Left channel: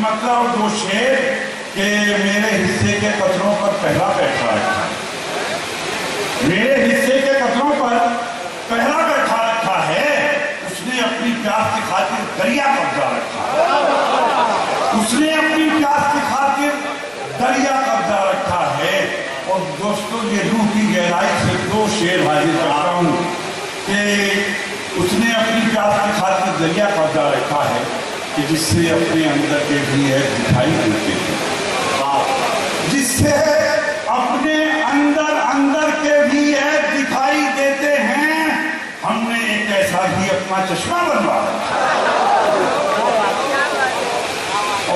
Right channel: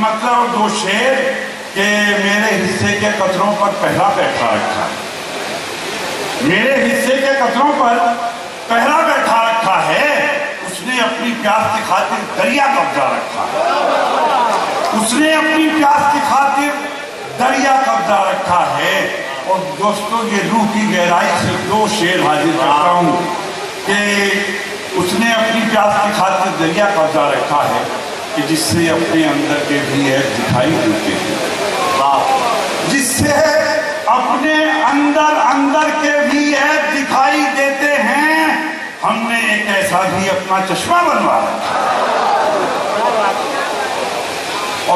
مطلب اور دو شعر کہ میرے حصے کے قطروں پر پہلا بیٹھا رکھا ہے، میرے حصے کے قطروں پر پہلا بیٹھا رکھا ہے، اس نے اپنی پیاس کی خاطر دریا قبضہ رکھا ہے، اس نے اپنی پیاس کی خاطر دریا قبضہ رکھا ہے۔ اور دوستو یہ روح کی گہرائی سے دو شعر حاضر کرتا ہوں کہ اس نے اپنی پیاس کی خاطر دریا قبضہ رکھا ہے کہ جس سے اپنے اندر کے بھی عیب دکھائی دیتے ہیں، جس سے اپنے اندر کے بھی عیب دکھائی دیتے ہیں، ہم نے ایک ایسا بھی اپنا چشمہ بنوا رکھا ہے۔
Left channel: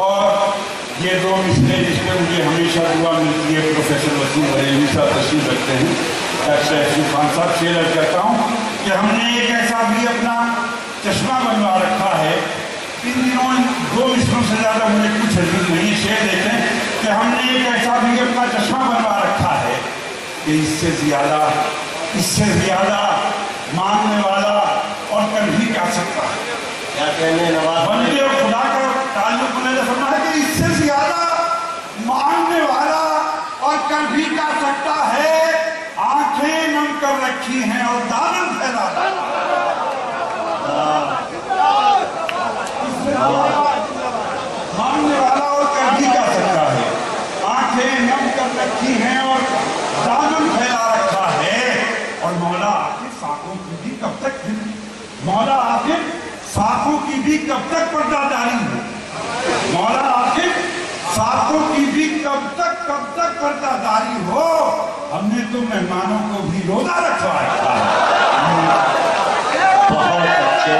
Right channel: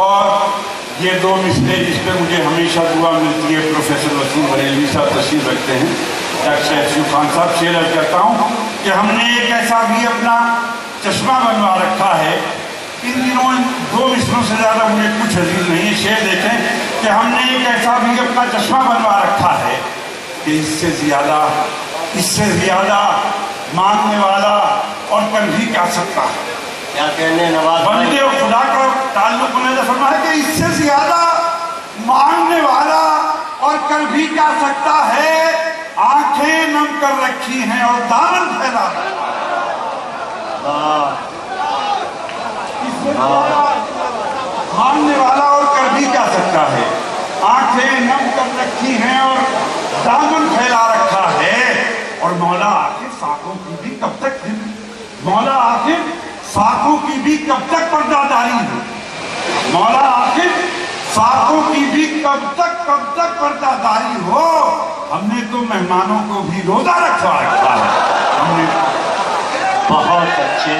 اور یہ دو مصرے جس پہ مجھے ہمیشہ دعا ملتی ہے، پروفیسر وسیم بریلوی صاحب تشریف رکھتے ہیں، ڈاکٹر ایوب خان صاحب شعر عرض کرتا ہوں کہ ہم نے ایک ایسا بھی اپنا چشمہ بنوا رکھا ہے۔ ان دنوں دو مصروں سے زیادہ مجھے کچھ عزیز نہیں ہے، شعر دیکھیں کہ ہم نے ایک ایسا بھی اپنا چشمہ بنوا رکھا ہے کہ اس سے زیادہ مانگنے والا اور کر بھی کیا سکتا ہے۔ کیا کہنے نواز بندے اور خدا کا تعلق انہیں فرمایا کہ اس سے زیادہ مانگنے والا اور کر بھی کیا سکتا ہے، آنکھیں نم کر رکھی ہیں اور دامن پھیلا ہے۔ مانگنے والا اور کر بھی کیا سکتا ہے، آنکھیں نم کر رکھی ہیں اور دامن پھیلا رکھا ہے۔ اور مولا آخر ساکوں کی بھی کب تک مولا آخر ساکوں کی بھی کب تک پردہ داری ہے، مولا آخر ساکوں کی بھی کب تک پردہ داری ہو۔ ہم نے تو مہمانوں کو بھی روزہ رکھوا رکھا ہے۔ بہت اچھے